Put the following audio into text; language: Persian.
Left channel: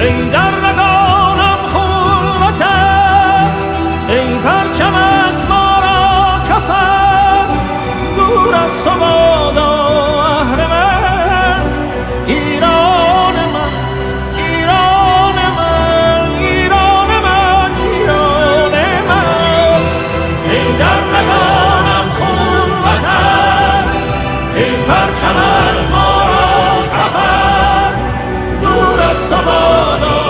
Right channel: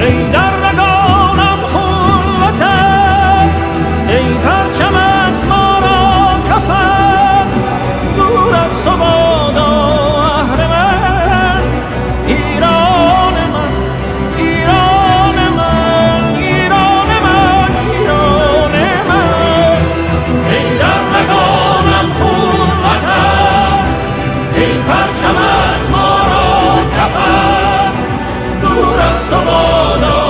ای در رگانم خلوته، ای پرچمت ما را کفن، دور از تو بادا اهر من، ایران من، ایران من، ایران من، ایران من. ای در رگانم خلوته، ای پرچمت ما را کفن، دور از تو بادا